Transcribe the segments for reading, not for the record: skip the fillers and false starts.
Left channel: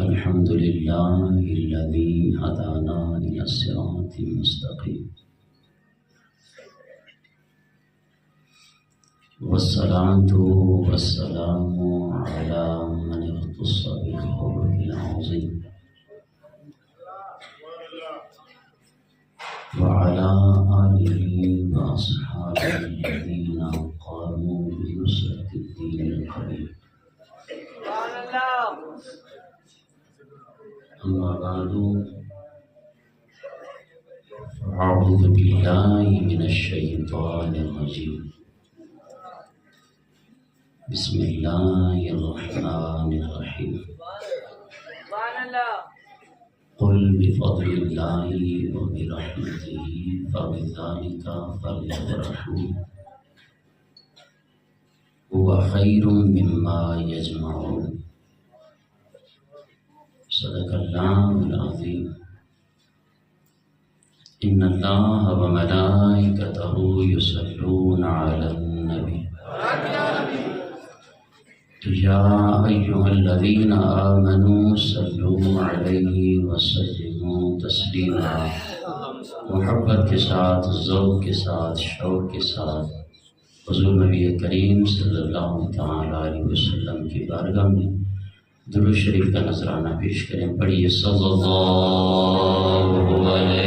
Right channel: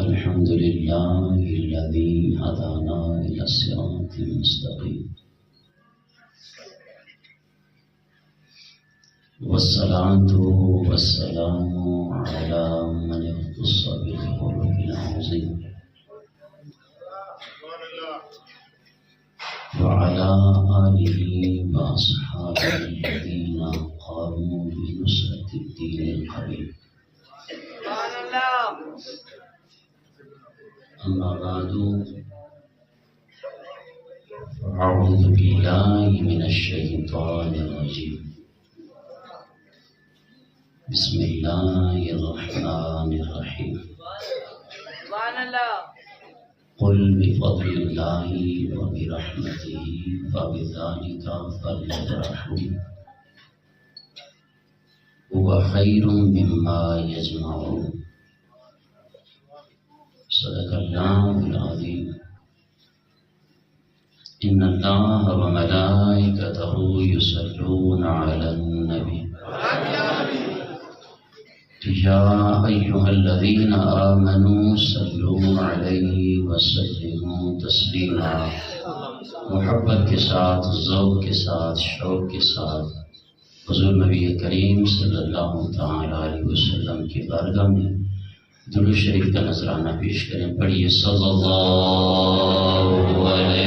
الحمد لله الذي هدانا إلى الصراط المستقيم والصلاة والسلام على من اختص بالخلق العظيم وعلى آله وأصحابه الذين قاموا بنصرة الدين القويم. أما بعد فأعوذ بالله من الشيطان الرجيم. بسم الله الرحمن الرحيم. قل بفضل الله وبرحمته فبذلك فليفرحوا هو خير مما يجمعون. صدق الله العظيم. إن الله وملائكته يصلون على النبي يا أيها الذين آمنوا صلوا عليه وسلموا تسلیما. محبت کے ساتھ، ذوق کے ساتھ، شوق کے ساتھ حضور نبی کریم صلی اللہ علیہ وسلم کی بارگاہ میں درود شریف کا نذرانہ پیش کریں. پڑھیے صلی اللہ علیہ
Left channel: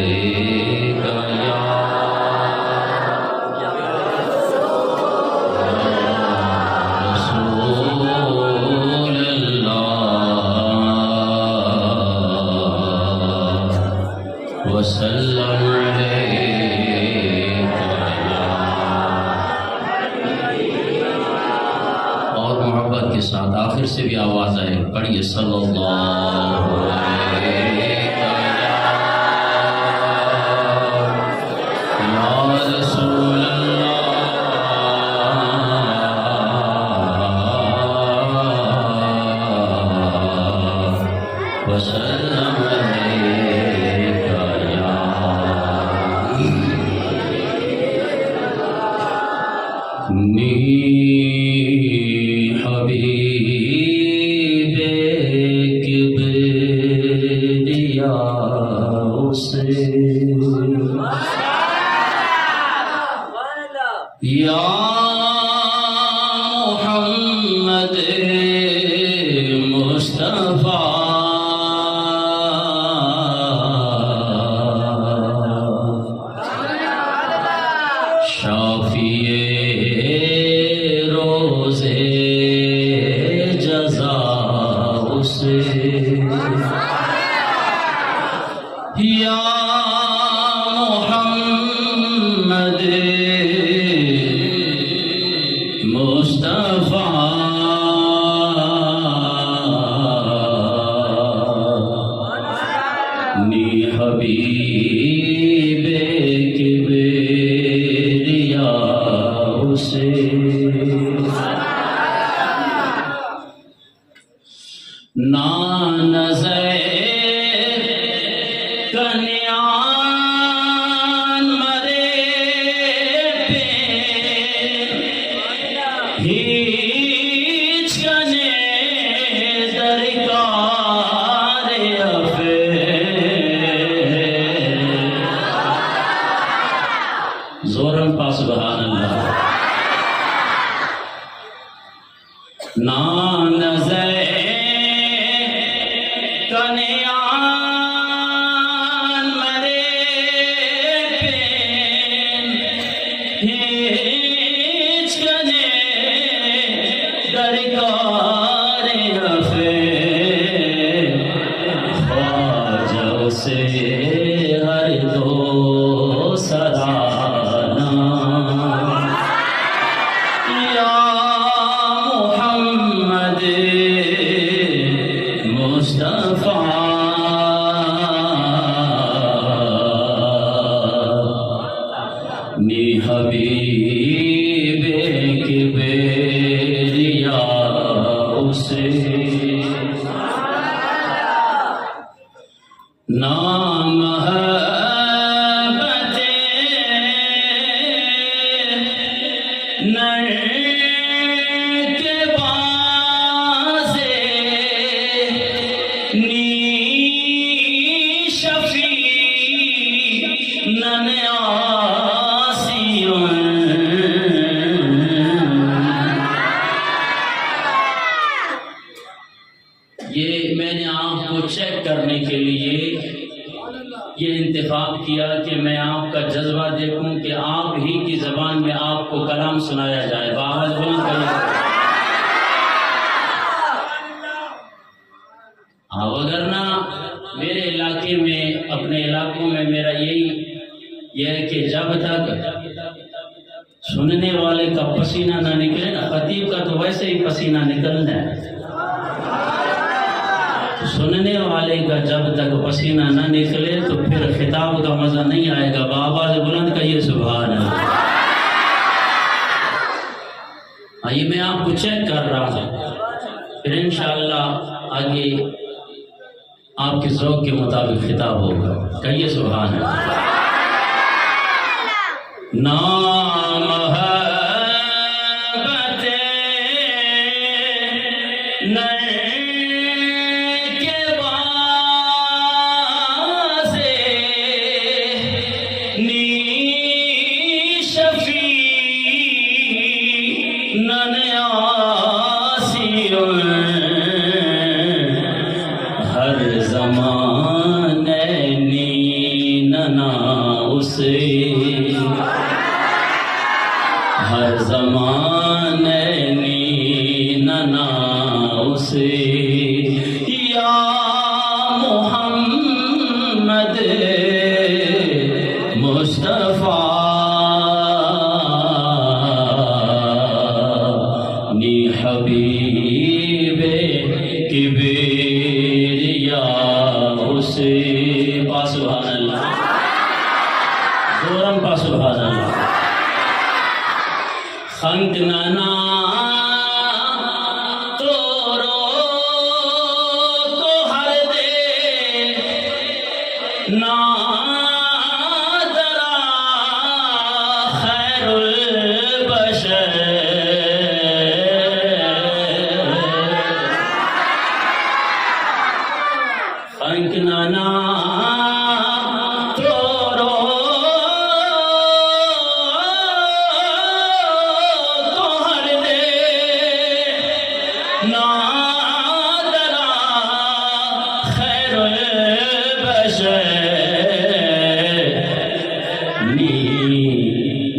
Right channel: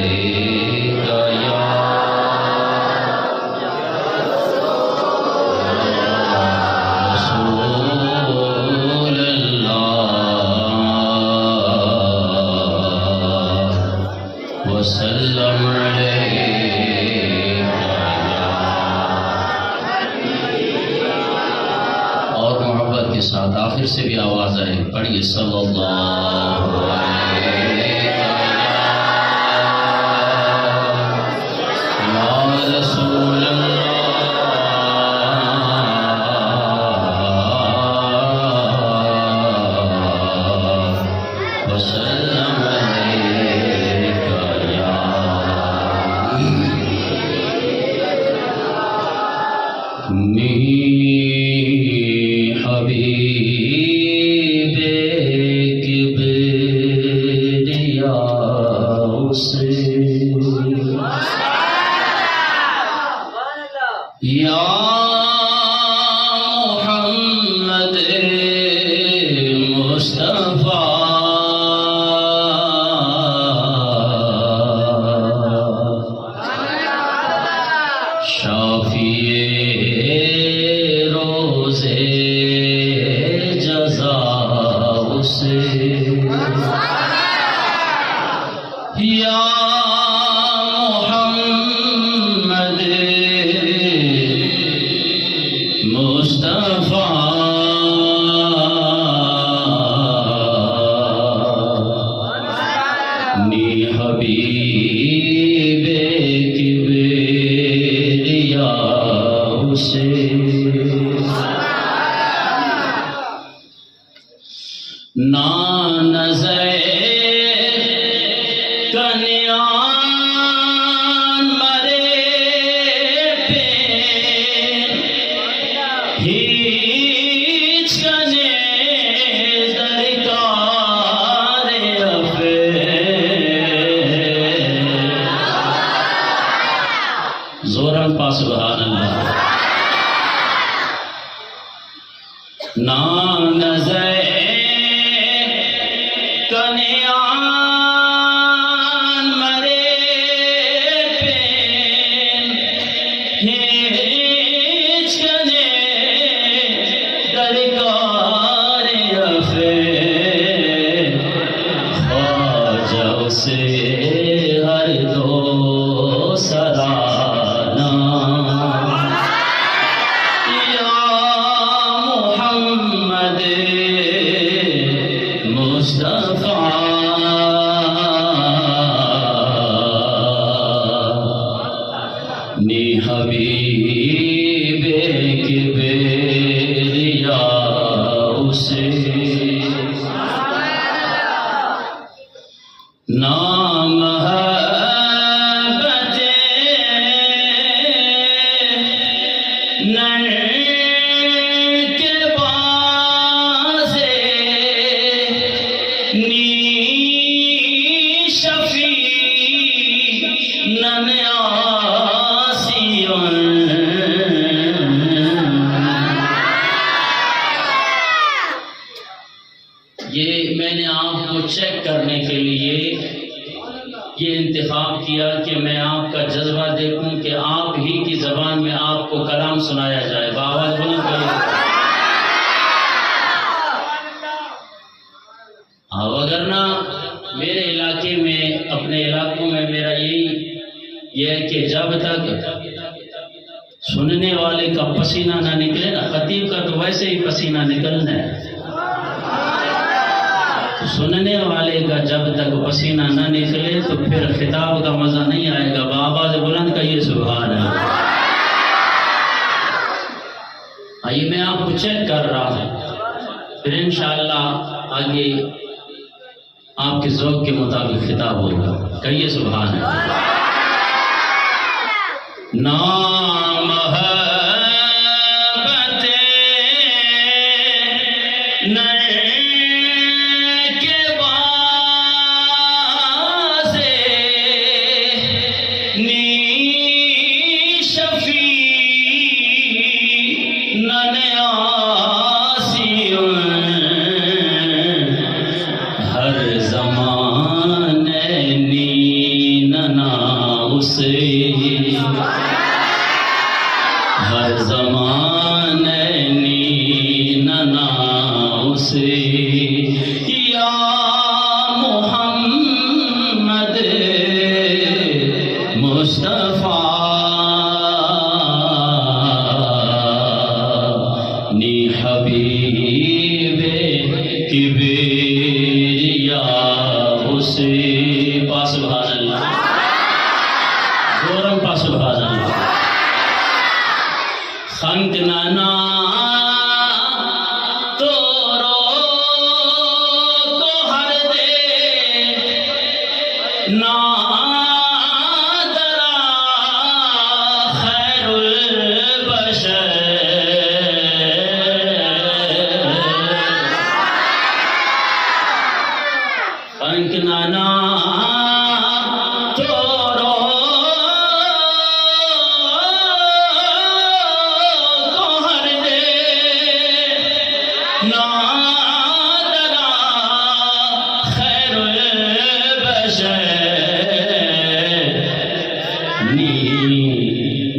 آخر سے بھی آواز آئے. پڑھیے صلی اللہ علیہ رسول اللہ وسلم علیک یا محمد مصطفیٰ شافی روزے جزا اسے یا حبیب کبریا اسے نا نظر کنیان مرے پہ ہیچ کنے درکار زورم پا سبحان اللہ. نا نظر کنیان مرے پین ہیچ کنے درکار افین خواجہ سے ہر دو سرانا یا محمد مصطفیٰ نی حبیب کبریا اسے نام محبت نر کے بازے یہ میں نے آپ کو چیک کرنے کے لیے یہ انتخاب کیا کہ میں آپ کا جذبہ دیکھوں کہ آپ ہی کی زبان میں آپ کو کلام سنایا جائے. بآواز بلند کریے. اگر نہ میرے علاقے میں اپنے علاقوں میں میرا یہ ہے کہ جب تک سننے والے کا پسینہ نہ نکلے نا، خطیب کا تو ویسے ہی پسینہ نکلنا ہے، سننے والے کا جب تک پسینہ نہ نکلے تو پھر خطاب کا مزہ نہیں آئے گا. بآواز بلند کہیے سبحان اللہ. آئیے میں آپ کو چیک کر رہا ہوں، پھر انشاءاللہ آگے آپ کے ذوق کے مطابق خطاب ہوگا. کہیے سبحان اللہ. نام ہر زمانے ننا اسے یا محمد مصطفیٰ نی حبیب کبریا اسے. پا سبحان اللہ. زورم پا سبحان اللہ. خنک نانا تو رو کو ہر دے نادرا خیر البشر. خنک نانا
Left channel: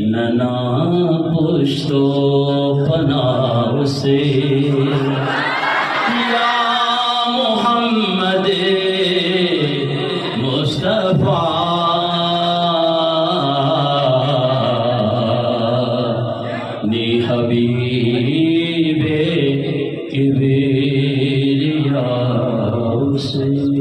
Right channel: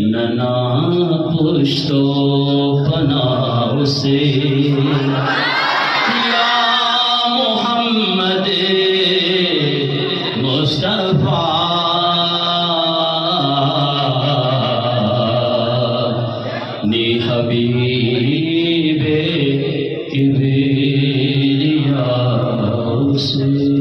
ننا پشتو پناہ سے یا محمد مصطفیٰ نی حبیب کبریا سے.